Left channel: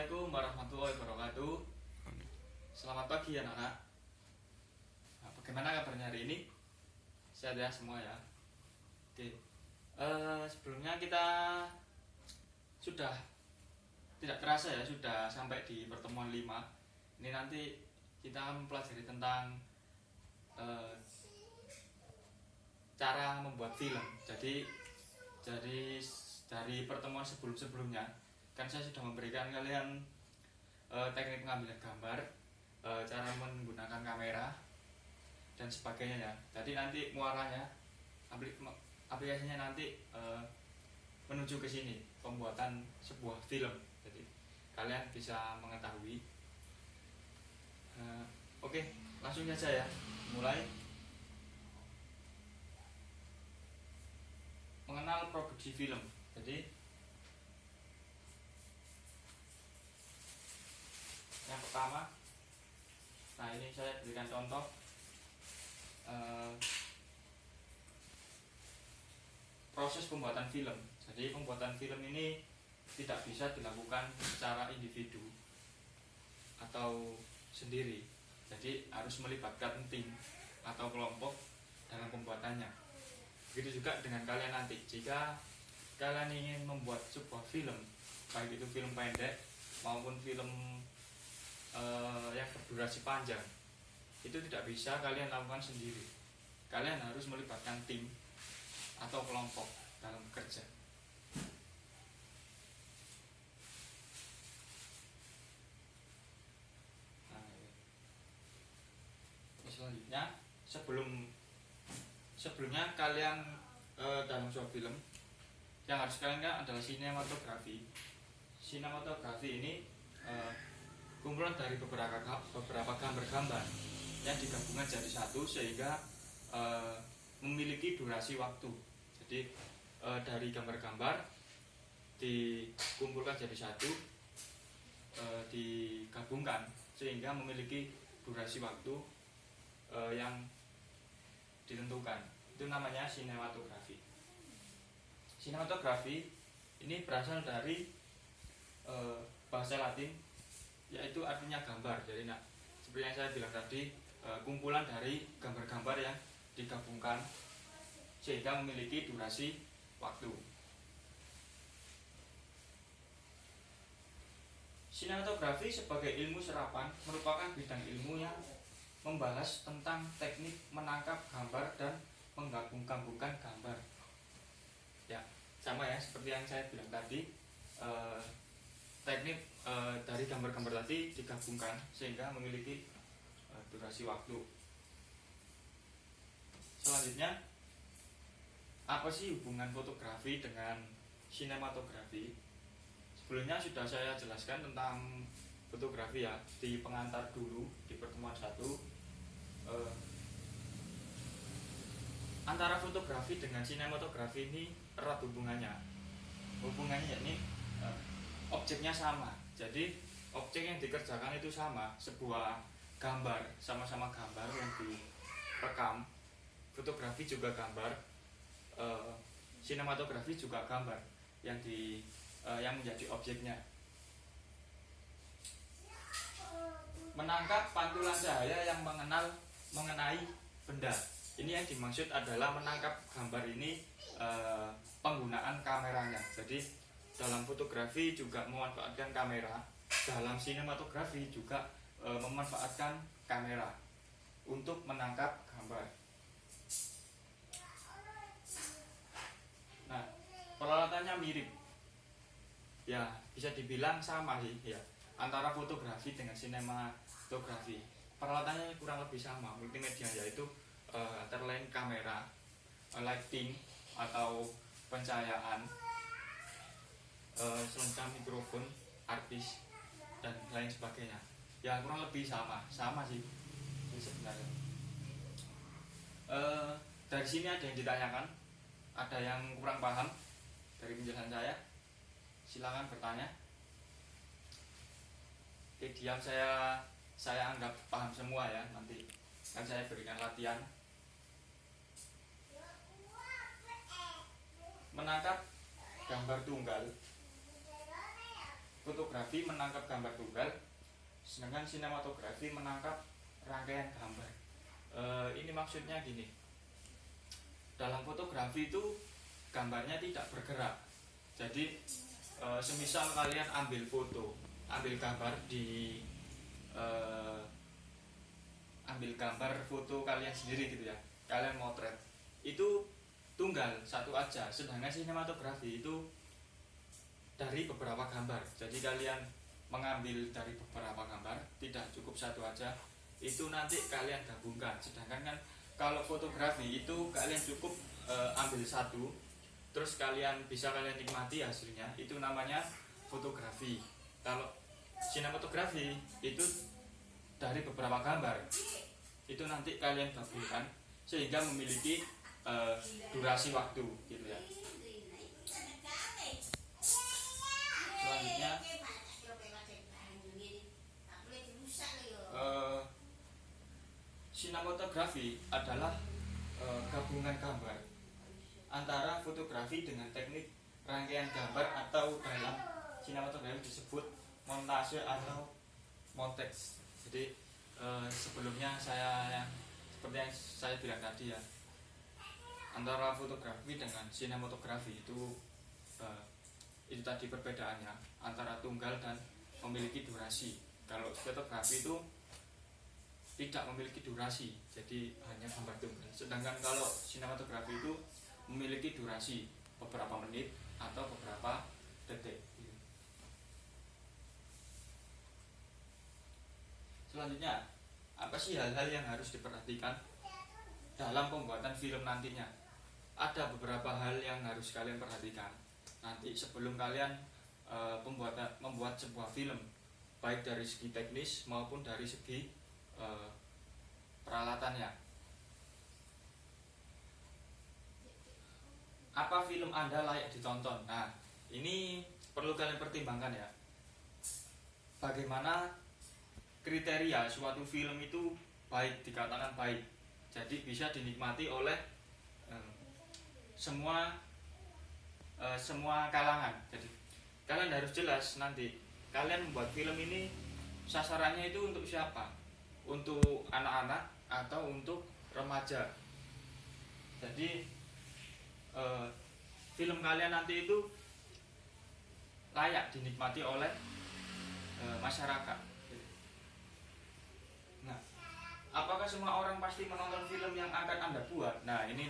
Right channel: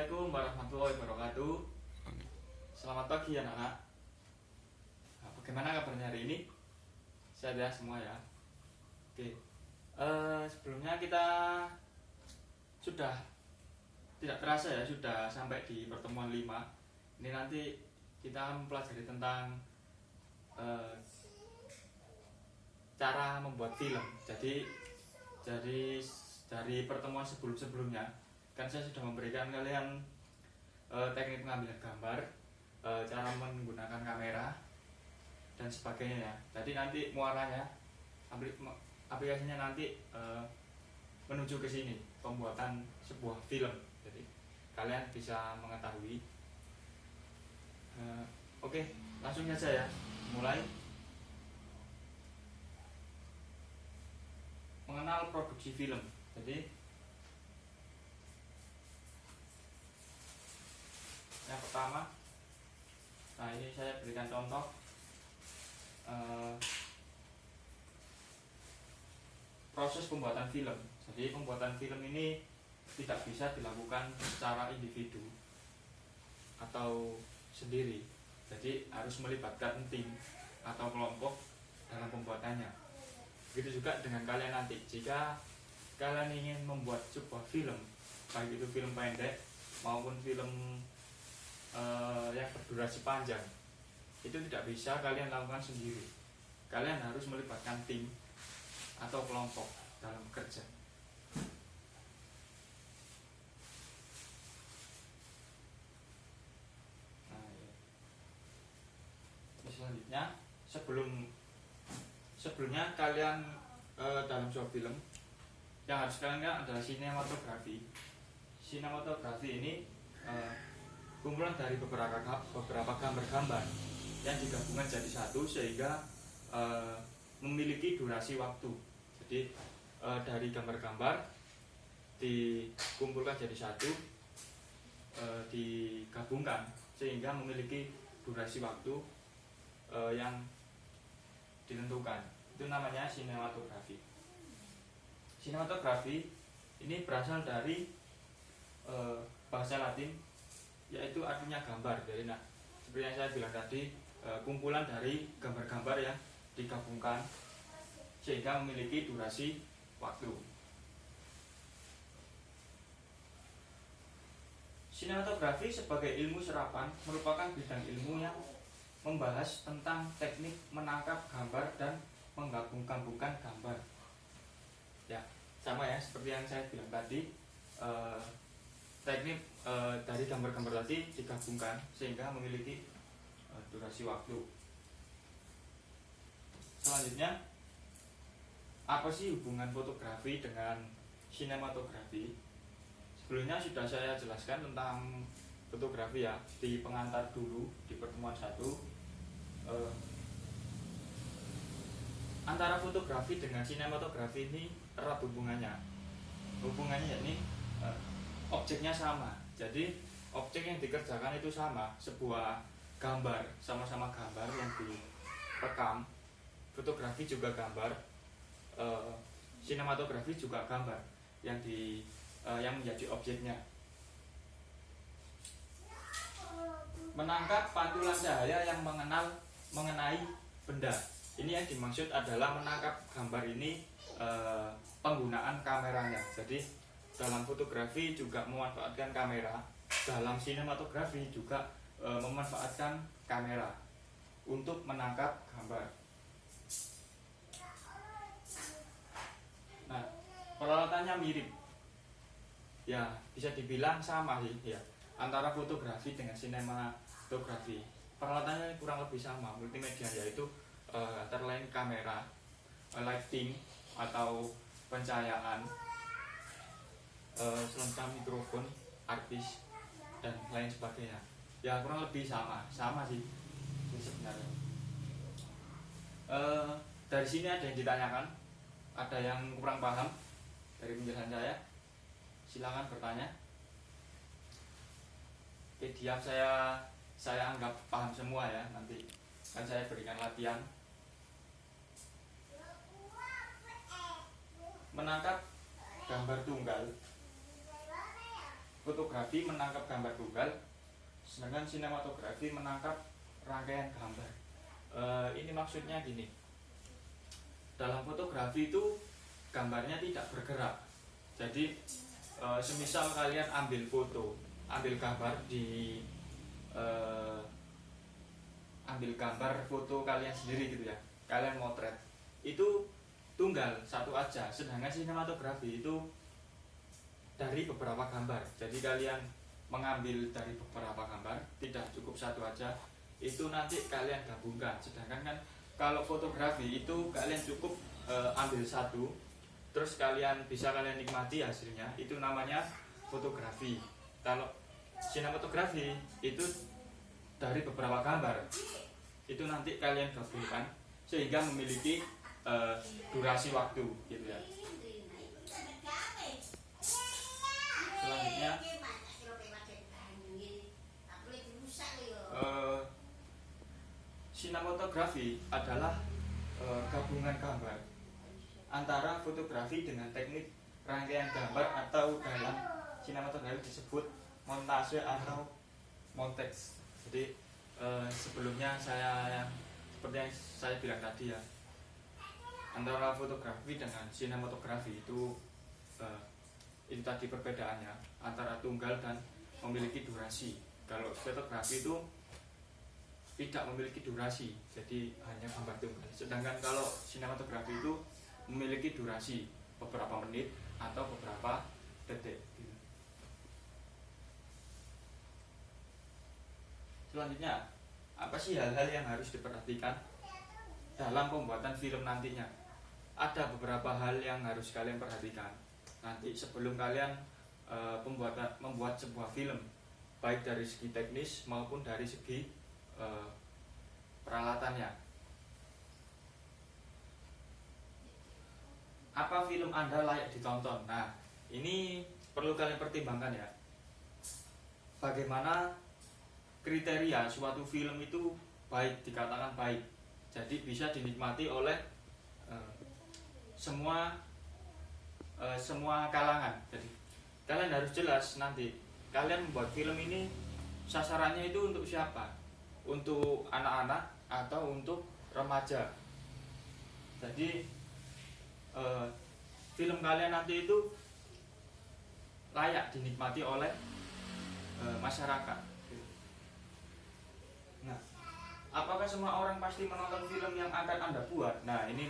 Assalamualaikum warahmatullahi wabarakatuh. Selamat pagi anak-anak. Nah, bagaimana kabarnya hari ini? Sehat ya semua ya. Oke. Sebelumnya kita sudah tidak terasa ya sudah sampai di pertemuan 5. Ini nanti kita mempelajari tentang cara membuat film. Jadi dari pertemuan sebelumnya kan saya sudah memberikan kalian teknik pengambilan gambar, cara menggunakan kamera dan sebagainya ya. Jadi nanti muaranya aplikasinya nanti menuju ke sini, pembuatan sebuah film. Jadi kalian bisa mengetahui. Oke, langsung saja ya. Mulai mengenal produksi film. Jadi yang pertama, nah ini saya berikan contoh proses pembuatan film. Jadi pembuatan film ini tidak bisa dilakukan secara individu atau sendiri. Jadi harus melibatkan tim atau kelompok dalam pembuatannya. Begitu juga dengan kalian nanti. Jika kalian ingin membuat sebuah film, baik itu film pendek maupun film yang berdurasi panjang, itu tidak bisa kalian lakukan sendiri. Kalian harus melibatkan tim atau kelompok dalam bekerja. Nah, ini selanjutnya, sebelumnya kalian dalam sebuah film yang harus kalian lihat adalah sinematografi. Sinematografi ini kumpulan dari beberapa gambar-gambar yang digabungkan jadi satu sehingga memiliki durasi waktu. Jadi dari gambar-gambar dikumpulkan jadi satu, digabungkan sehingga memiliki durasi waktu yang ditentukan. Itu namanya sinematografi. Sinematografi ini berasal dari bahasa Latin, yaitu artinya gambar. Jadi seperti yang saya bilang tadi, kumpulan dari gambar-gambar yang digabungkan sehingga memiliki durasi waktu. Sinematografi sebagai ilmu serapan merupakan bidang ilmu yang membahas tentang teknik menangkap gambar dan menggabung-gabungkan gambar. Ya, sama ya seperti yang saya bilang tadi, teknik dari gambar-gambar tadi digabungkan sehingga memiliki durasi waktu. Selanjutnya, apa sih hubungan fotografi dengan sinematografi? Sebelumnya sudah saya jelaskan tentang fotografi ya di pengantar dulu di pertemuan 1. Antara fotografi dengan sinematografi ini erat hubungannya. Yakni objeknya sama. Jadi objek yang dikerjakan itu sama, sebuah gambar, sama-sama gambar yang direkam. Fotografi juga gambar, sinematografi juga gambar yang menjadi objeknya. Menangkap pantulan cahaya yang mengenai benda. Ini yang dimaksud adalah menangkap gambar ini penggunaan kameranya. Jadi dalam fotografi juga memanfaatkan kamera, dalam sinematografi juga memanfaatkan kamera untuk menangkap gambar. Nah, peralatannya mirip. Ya, bisa dibilang sama sih ya antara fotografi dengan sinematografi. Peralatannya kurang lebih sama, multimedia, yaitu antara lain kamera, lighting atau pencahayaan, selengkap mikrofon, artis dan lain sebagainya. Ya kurang lebih sama sih sebenarnya. Dari sini ada yang ditanyakan, ada yang kurang paham dari penjelasan saya, silakan bertanya. Oke, diam saya anggap paham semua ya, nanti kan saya berikan latihan. Menangkap gambar tunggal fotografi menangkap gambar tunggal, sedangkan sinematografi menangkap rangkaian gambar. Ini maksudnya gini, dalam fotografi itu gambarnya tidak bergerak. Jadi semisal kalian ambil gambar di ambil gambar foto kalian sendiri gitu ya, kalian motret, itu tunggal satu aja. Sedangkan sinematografi itu dari beberapa gambar. Jadi kalian mengambil dari beberapa gambar, tidak cukup satu aja, itu nanti kalian gabungkan. Sedangkan kan kalau fotografi itu kalian cukup ambil satu, terus kalian nikmati hasilnya, itu namanya fotografi. Kalau sinematografi itu dari beberapa gambar, itu nanti kalian gabungkan sehingga memiliki durasi waktu gitu ya. Selanjutnya sinematografi adalah gabungan gambar antara fotografi dengan teknik rangkaian gambar, atau dalam sinematografi disebut montase atau monteks. Jadi sebelumnya seperti yang saya bilang tadi ya, antara fotografi dengan sinematografi itu tadi perbedaannya antara tunggal dan memiliki durasi. Kalau fotografi itu tidak memiliki durasi, jadi hanya gambar tunggal. Sedangkan kalau sinematografi itu memiliki durasi beberapa menit atau beberapa detik. Selanjutnya, apa sih hal-hal yang harus diperhatikan dalam pembuatan film nantinya? Ada beberapa hal yang harus kalian perhatikan nanti sebelum kalian membuat sebuah film, baik dari segi teknis maupun dari segi peralatannya. Apa film Anda layak ditonton? Nah, ini perlu kalian pertimbangkan ya. Bagaimana kriteria suatu film itu baik, dikatakan baik, jadi bisa dinikmati oleh semua kalangan. Jadi kalian harus jelas nanti kalian membuat film ini sasarannya itu untuk siapa, untuk anak-anak atau untuk remaja. Jadi film kalian nanti itu layak dinikmati oleh masyarakat. Nah, apakah semua orang pasti menonton film yang akan Anda buat? Nah, ini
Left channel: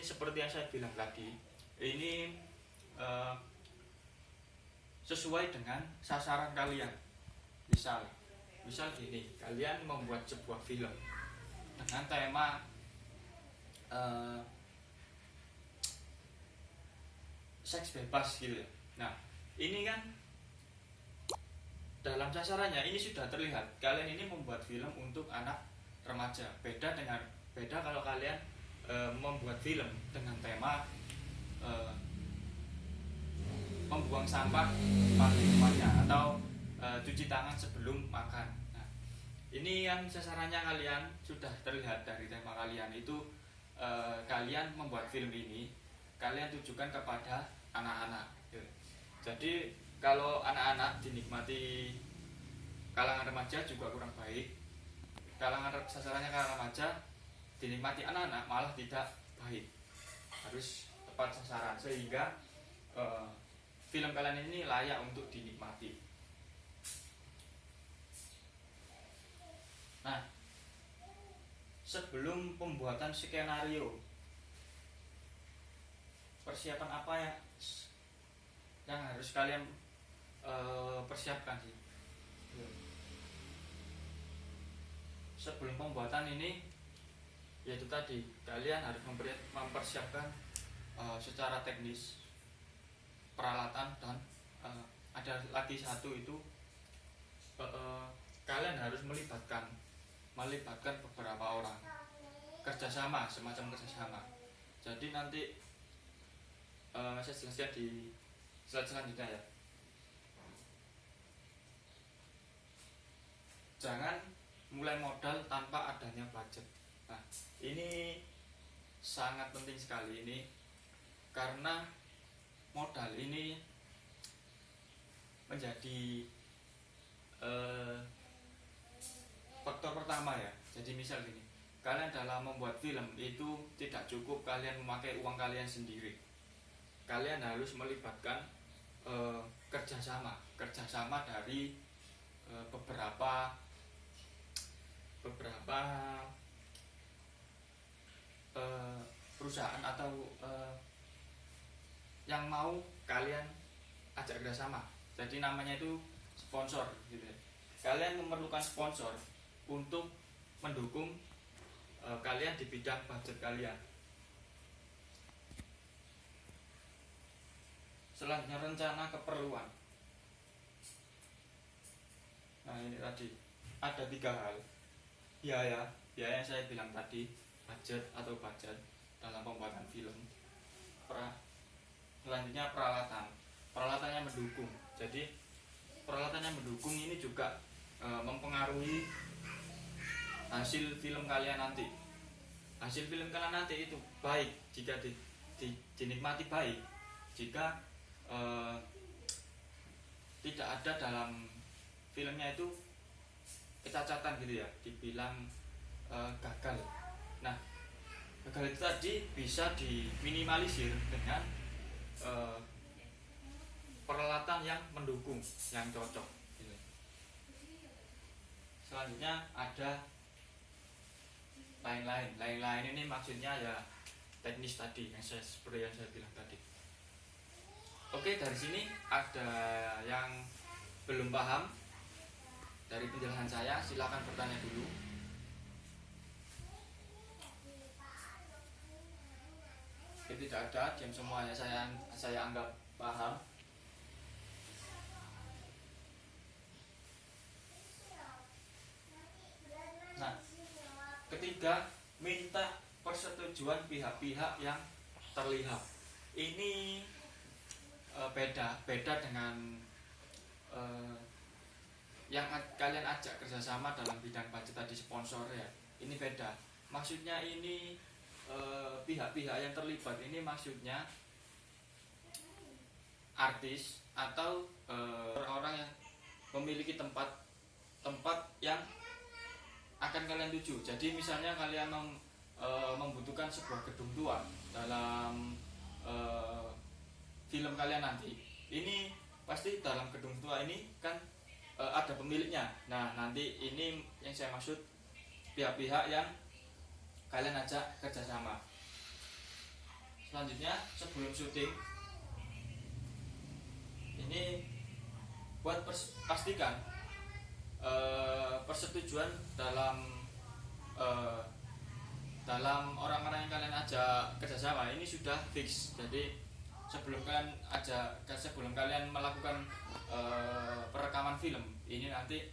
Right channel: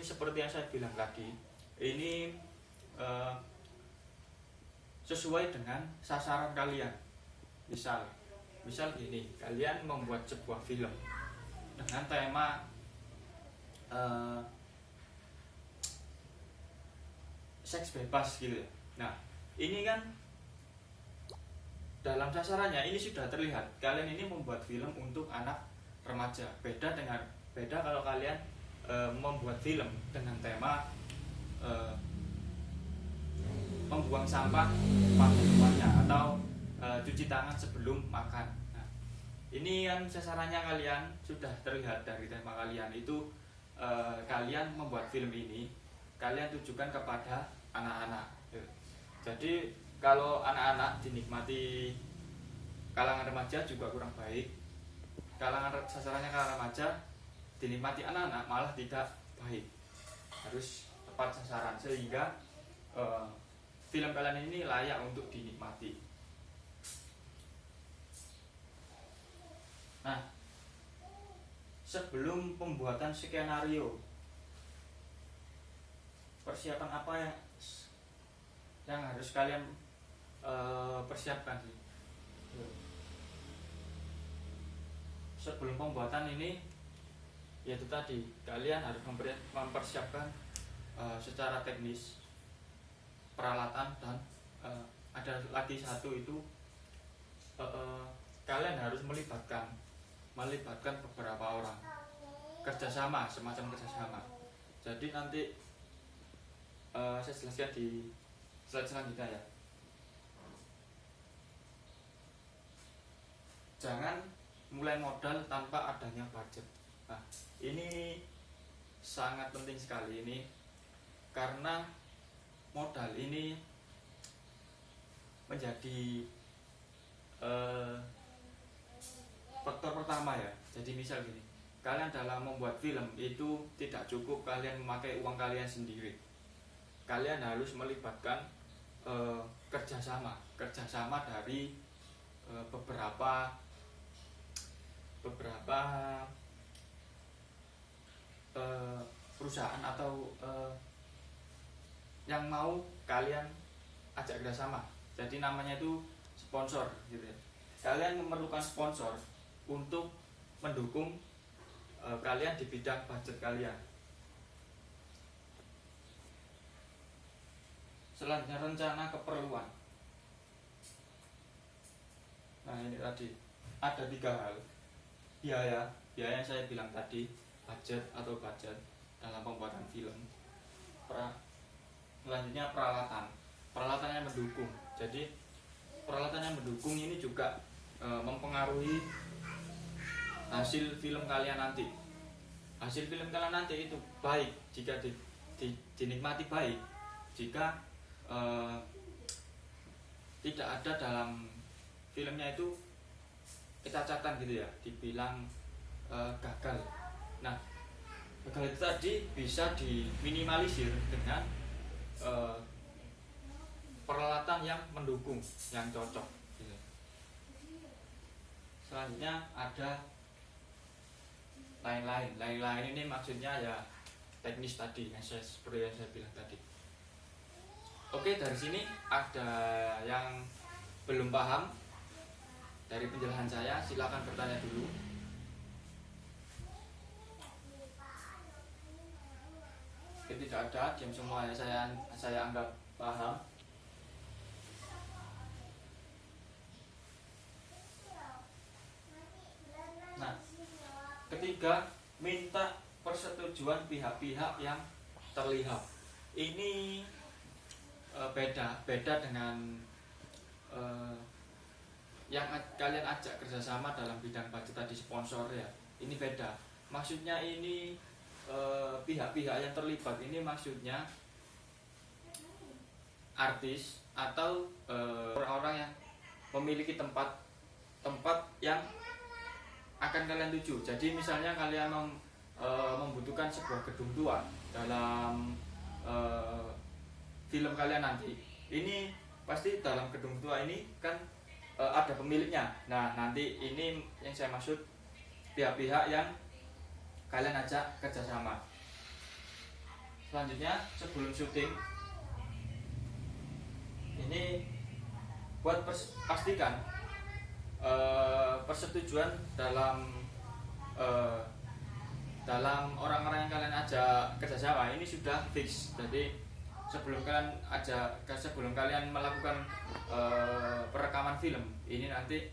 seperti yang saya bilang tadi, ini sesuai dengan sasaran kalian. Misal gini, kalian membuat sebuah film dengan tema seks bebas gitu ya. Nah, ini kan dalam sasarannya ini sudah terlihat kalian ini membuat film untuk anak remaja. Beda kalau kalian membuat film dengan tema membuang sampah pagi rumahnya atau cuci tangan sebelum makan. Nah, ini kan sasarannya kalian sudah terlihat dari tema kalian itu. Kalian membuat film ini kalian tujukan kepada anak-anak. Jadi kalau anak-anak dinikmati kalangan remaja juga kurang baik. Sasarannya kalangan remaja dinikmati anak-anak malah tidak baik. Harus tepat sasaran sehingga film kalian ini layak untuk dinikmati. Nah, sebelum pembuatan skenario, persiapan apa yang harus kalian persiapkan sih? Sebelum pembuatan ini, yaitu tadi kalian harus mempersiapkan secara teknis peralatan, dan ada lagi satu itu kalian harus melibatkan beberapa orang, semacam kerjasama. Jadi nanti saya jelaskan di slide selanjutnya ya. Jangan mulai modal tanpa adanya budget. Nah, ini sangat penting sekali ini, karena modal ini menjadi faktor pertama ya. Jadi misal gini, kalian dalam membuat film itu tidak cukup kalian memakai uang kalian sendiri. Kalian harus melibatkan kerjasama dari beberapa perusahaan atau yang mau kalian ajak kerjasama. Jadi namanya itu sponsor gitu ya. Kalian memerlukan sponsor untuk mendukung kalian di bidang budget kalian. Selanjutnya rencana keperluan. Nah ini tadi ada 3 hal. Biaya yang saya bilang tadi, budget dalam pembuatan film. Selanjutnya peralatan yang mendukung. Jadi peralatan yang mendukung ini juga mempengaruhi hasil film kalian nanti. Hasil film kalian nanti itu baik jika dinikmati baik. Jika tidak ada dalam filmnya itu kecacatan gitu ya, dibilang gagal. Nah, gagal itu tadi bisa diminimalisir dengan peralatan yang mendukung, yang cocok. Selanjutnya ada lain-lain ini maksudnya ya teknis tadi seperti yang saya bilang tadi. Oke, dari sini ada yang belum paham dari penjelasan saya, silakan bertanya dulu. Jika tidak ada, diam semua ya, saya anggap paham. Nah, ketiga, minta persetujuan pihak-pihak yang terlihat. Ini beda dengan yang kalian ajak kerjasama dalam bidang budget tadi, sponsor ya. Ini beda. Maksudnya ini pihak-pihak yang terlibat ini maksudnya artis atau orang-orang yang memiliki tempat yang akan kalian tuju. Jadi misalnya kalian membutuhkan sebuah gedung tua dalam film kalian nanti. Ini pasti dalam gedung tua ini kan ada pemiliknya. Nah, nanti ini yang saya maksud pihak-pihak yang kalian ajak kerjasama. Selanjutnya, sebelum syuting ini buat pastikan persetujuan dalam orang-orang yang kalian ajak kerjasama ini sudah fix. Jadi sebelum kalian melakukan perekaman film ini nanti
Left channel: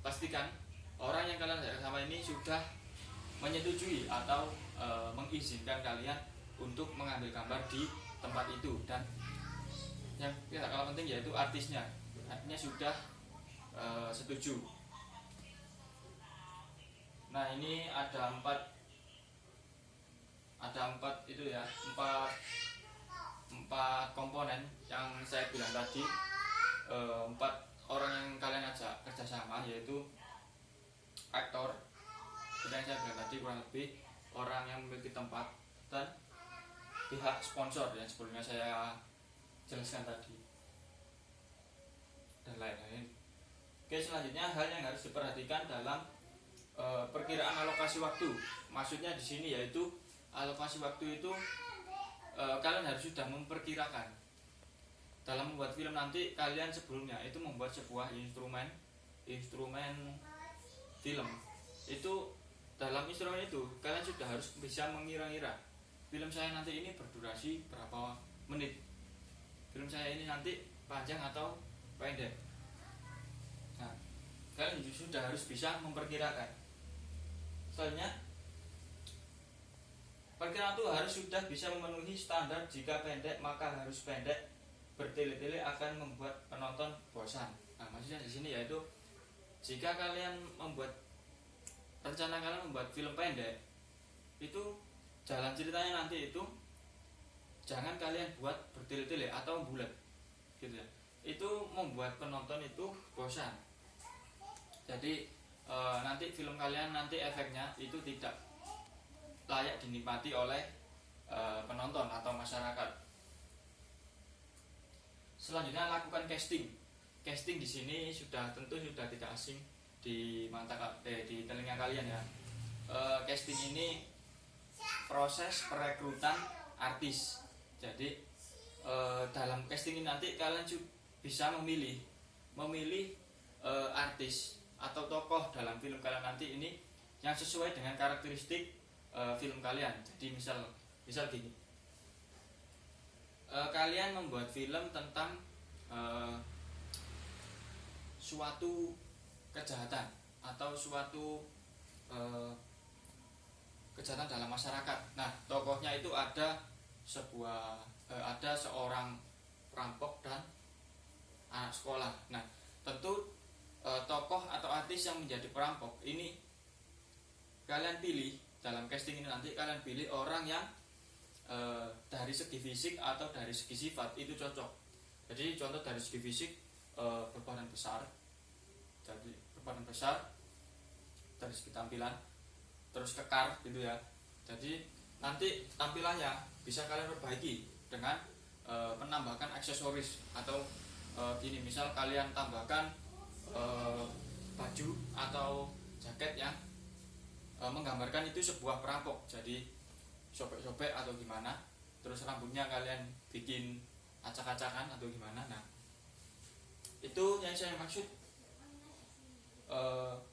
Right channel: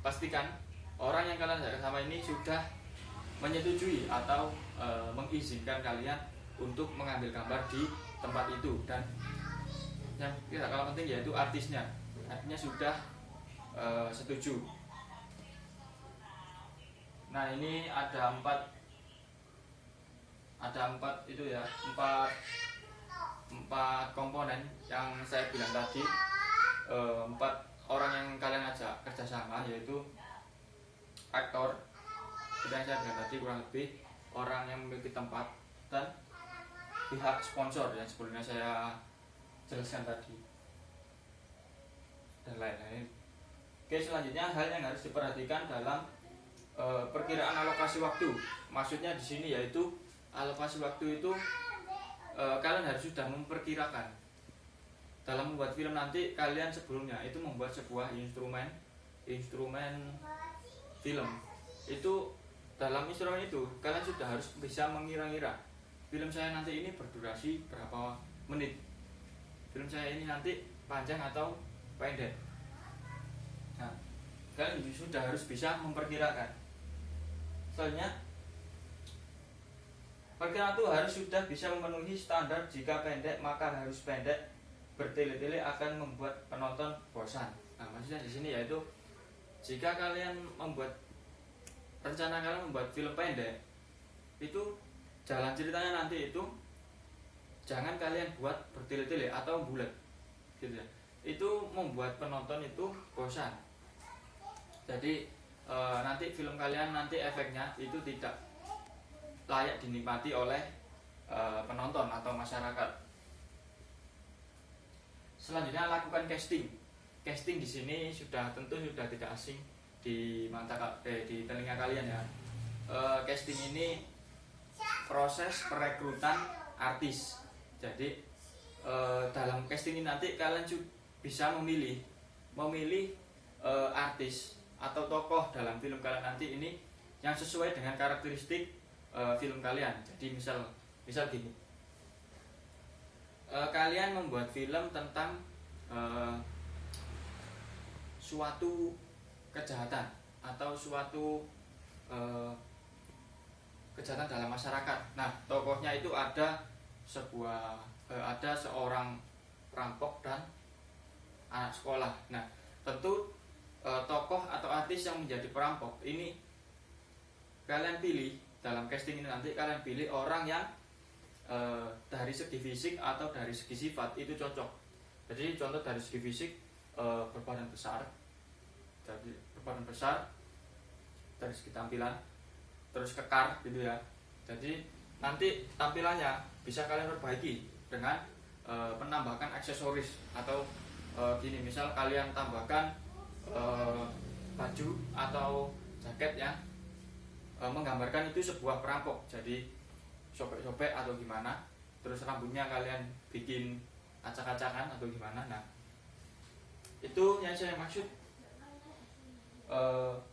pastikan orang yang kalian ajak kerjasama ini sudah menyetujui atau mengizinkan kalian untuk mengambil gambar di tempat itu, dan yang tidak kalah penting yaitu artisnya sudah setuju. Nah, ini ada empat itu ya, empat komponen yang saya bilang tadi. 4 orang yang kalian ajak kerjasama, yaitu aktor, yang saya bilang tadi, kurang lebih orang yang memiliki tempat, dan pihak sponsor yang sebelumnya saya jelaskan tadi, dan lain-lain. Oke, selanjutnya hal yang harus diperhatikan dalam perkiraan alokasi waktu. Maksudnya di sini yaitu alokasi waktu itu kalian harus sudah memperkirakan dalam membuat film nanti. Kalian sebelumnya itu membuat sebuah instrumen film. Itu dalam instrumen itu kalian sudah harus bisa mengira-ngira film saya nanti ini berdurasi berapa menit, film saya ini nanti panjang atau pendek. Nah, kalian sudah harus bisa memperkirakan. Soalnya perkiraan itu harus sudah bisa memenuhi standar. Jika pendek maka harus pendek, bertele-tele akan membuat penonton bosan. Nah, maksudnya di sini yaitu jika kalian rencana kalian membuat film pendek, itu jalan ceritanya nanti itu jangan kalian buat bertele-tele atau bulat. gitu ya. Itu membuat penonton itu bosan. Jadi nanti film kalian nanti efeknya itu tidak layak dinikmati oleh penonton atau masyarakat. Selanjutnya lakukan casting. Casting di sini tentu sudah tidak asing di di telinga kalian ya. Casting ini proses perekrutan artis. Jadi dalam casting ini nanti kalian bisa memilih artis atau tokoh dalam film kalian nanti ini yang sesuai dengan karakteristik film kalian. Jadi misal gini, kalian membuat film tentang suatu kejahatan atau suatu kejahatan dalam masyarakat. Nah, tokohnya itu ada seorang perampok dan anak sekolah. Nah, tentu tokoh atau artis yang menjadi perampok ini kalian pilih dalam casting ini, nanti kalian pilih orang yang dari segi fisik atau dari segi sifat itu cocok. Jadi contoh dari segi fisik, berbadan besar, dari segi tampilan, terus kekar gitu ya. Jadi nanti tampilannya bisa kalian perbaiki dengan menambahkan aksesoris atau gini, misal kalian tambahkan baju atau jaket yang menggambarkan itu sebuah perampok, jadi sobek-sobek atau gimana, terus rambutnya kalian bikin acak-acakan atau gimana. Nah, itu yang saya maksud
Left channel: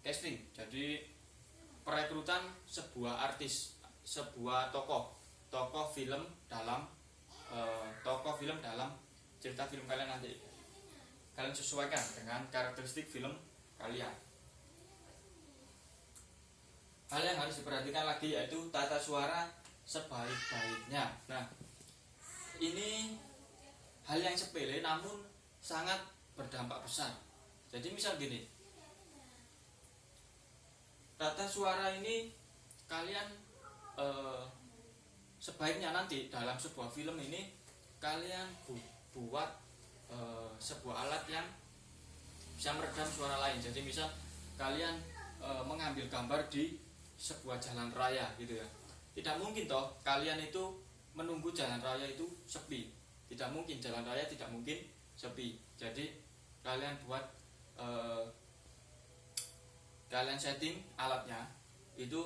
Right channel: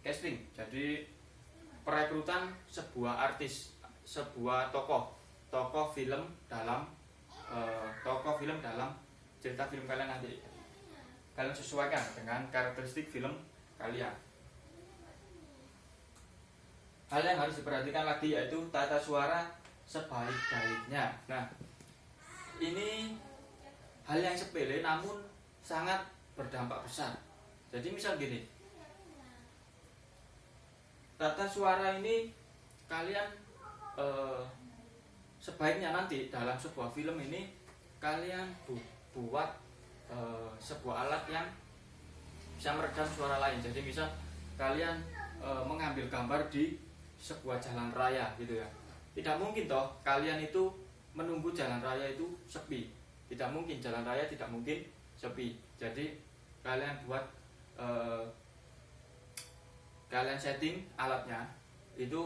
casting. Jadi perekrutan sebuah artis, sebuah tokoh film dalam cerita film kalian nanti. Kalian sesuaikan dengan karakteristik film kalian. Hal yang harus diperhatikan lagi yaitu tata suara sebaik-baiknya. Nah, ini hal yang sepele namun sangat berdampak besar. Jadi misal gini, tata suara ini kalian sebaiknya nanti dalam sebuah film ini kalian buat sebuah alat yang bisa meredam suara lain. Jadi misal kalian mengambil gambar di sebuah jalan raya gitu ya. Tidak mungkin toh kalian itu menunggu jalan raya itu sepi. Tidak mungkin, jalan raya tidak mungkin sepi. Jadi kalian buat kalian setting alatnya itu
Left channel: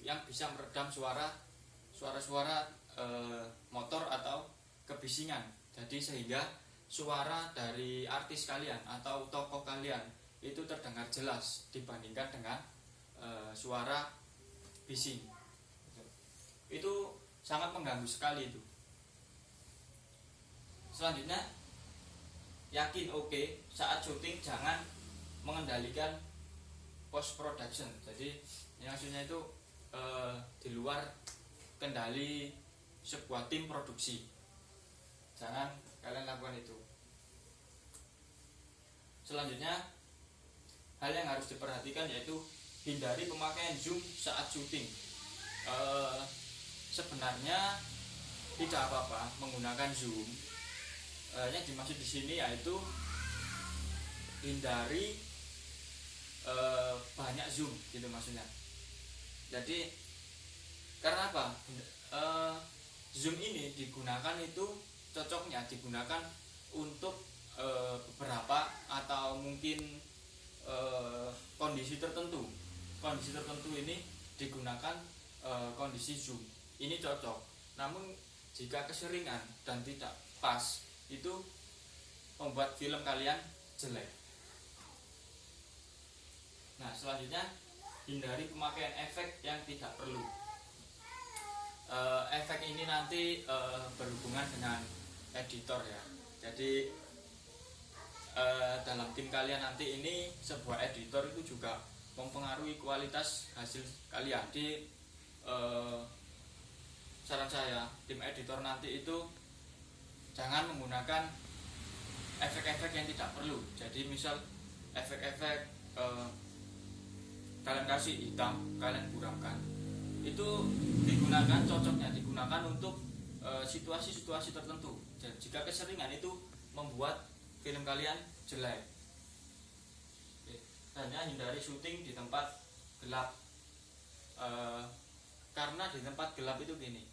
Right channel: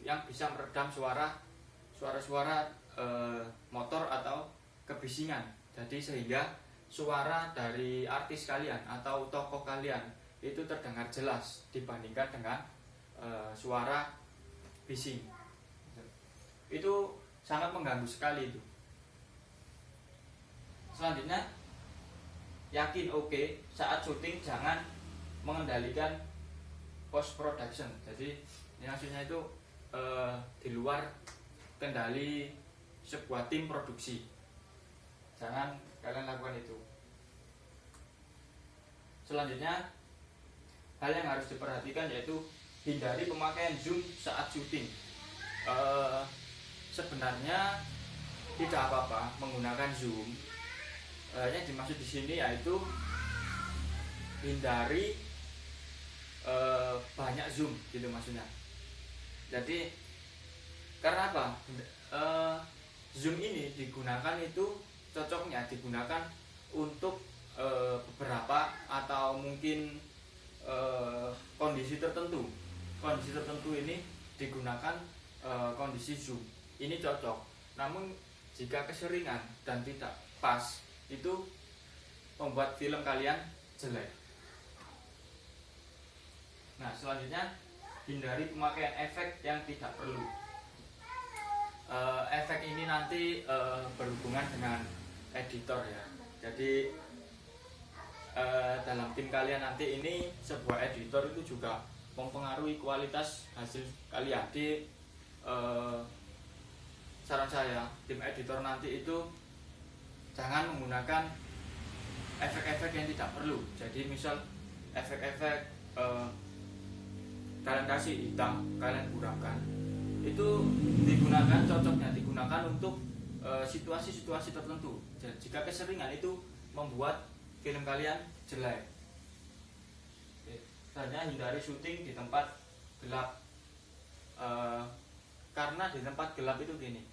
yang bisa meredam suara-suara motor atau kebisingan. Jadi sehingga suara dari artis kalian atau tokoh kalian itu terdengar jelas dibandingkan dengan suara bising. Itu sangat mengganggu sekali itu. Selanjutnya, yakin saat syuting jangan mengendalikan post production. Jadi maksudnya itu di luar kendali sebuah tim produksi. Jangan kalian lakukan itu. Selanjutnya, hal yang harus diperhatikan yaitu hindari pemakaian zoom saat syuting. Sebenarnya tidak apa-apa menggunakan zoom. Yang dimaksud di sini yaitu hindari banyak zoom gitu maksudnya. Jadi karena apa? Zoom ini digunakan itu cocoknya digunakan untuk beberapa atau mungkin kondisi tertentu. Kondisi tertentu ini digunakan kondisi zoom. Ini cocok. Namun jika keseringan dan tidak pas, itu membuat film kalian jelek. Nah, selanjutnya hindari pemakaian efek yang tidak perlu. Efek ini nanti berhubungan dengan editor ya. Jadi dalam tim kalian nanti ini sebuah editor itu juga mempengaruhi kualitas hasil kalian. Di saran saya, tim editor nanti itu jangan menggunakan efek-efek yang tidak perlu. Jadi misal efek-efek kalian kasih hitam, kalian buramkan, itu cocoknya digunakan untuk situasi-situasi tertentu. Dan jika keseringan itu membuat film kalian jelek. Hanya hindari syuting di tempat gelap. Karena di tempat gelap itu gini,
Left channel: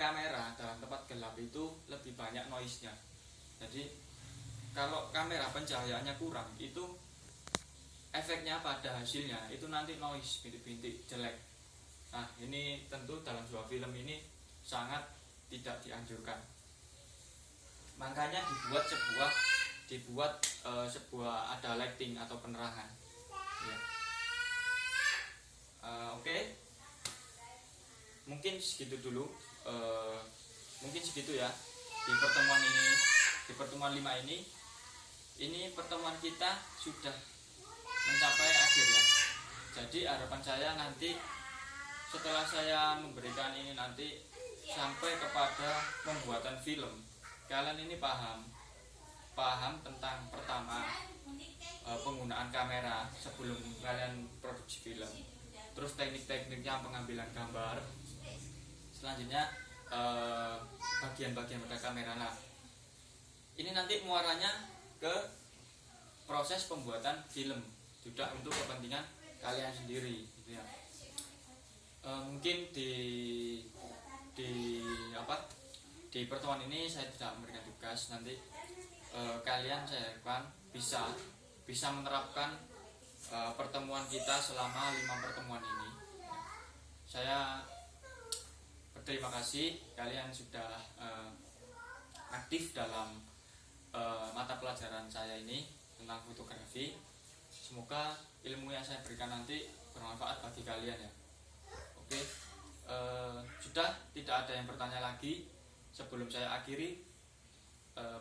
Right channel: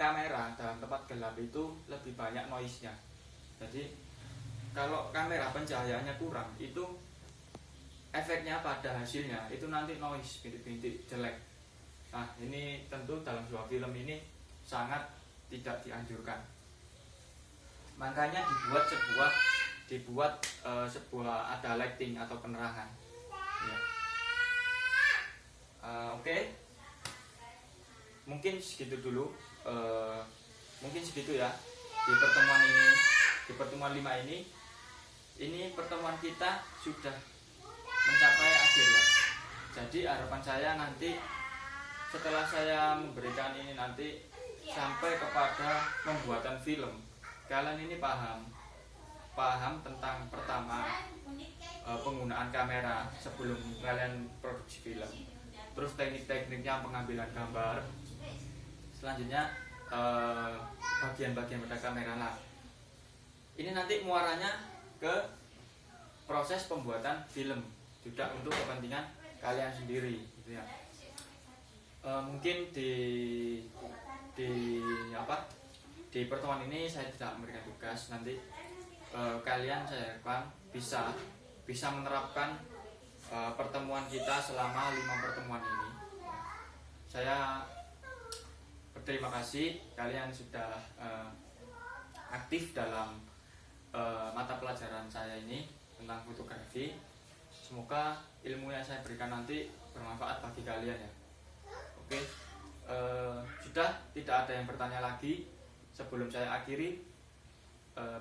kamera dalam tempat gelap itu lebih banyak noise-nya. Jadi kalau kamera pencahayaannya kurang, itu efeknya pada hasilnya itu nanti noise, bintik-bintik jelek. Nah, ini tentu dalam sebuah film ini sangat tidak dianjurkan. Makanya dibuat sebuah ada lighting atau penerangan. Ya. Oke. Mungkin segitu dulu. Mungkin segitu ya di pertemuan ini, di pertemuan 5 ini. Ini pertemuan kita sudah mencapai akhir ya. Jadi harapan saya nanti setelah saya memberikan ini nanti sampai kepada pembuatan film, kalian ini paham tentang pertama penggunaan kamera sebelum kalian produksi film, terus teknik-tekniknya pengambilan gambar, selanjutnya bagian-bagian pada kamera. Nah, ini nanti muaranya ke proses pembuatan film, tidak untuk kepentingan kalian sendiri gitu ya. Mungkin di pertemuan ini saya tidak memberikan tugas. Nanti kalian saya harapkan bisa menerapkan pertemuan kita selama 5 pertemuan ini. Saya berterima kasih kalian sudah aktif dalam mata pelajaran saya ini tentang fotografi. Semoga ilmu yang saya berikan nanti bermanfaat bagi kalian ya. Oke, sudah tidak ada yang bertanya lagi sebelum saya akhiri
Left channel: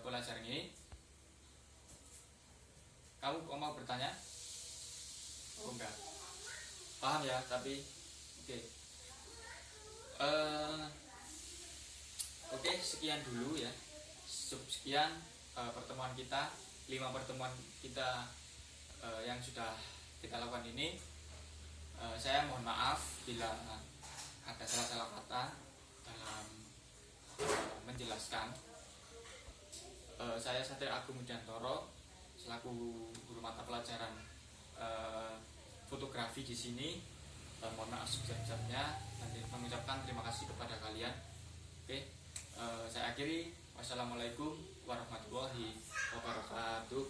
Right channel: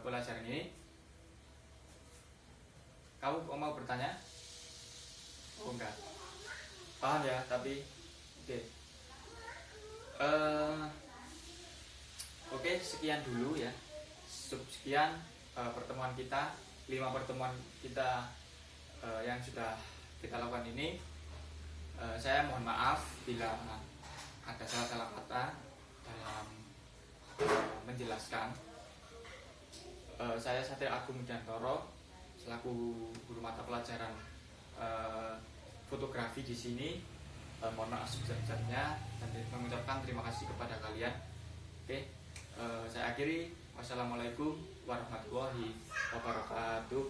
pelajaran ini. Kamu mau bertanya? Oh enggak, paham ya, tapi oke. Oke, sekian dulu ya. Sekian pertemuan kita, 5 pertemuan kita yang sudah kita lakukan ini. Saya mohon maaf bila ada salah-salah kata dalam menjelaskan. Saya Satria Agung Mudyantoro selaku guru mata pelajaran fotografi di sini. Mohon maaf sebesar-besarnya dan mengucapkan terima kasih kepada kalian. Oke, saya akhiri. Wassalamualaikum warahmatullahi wabarakatuh.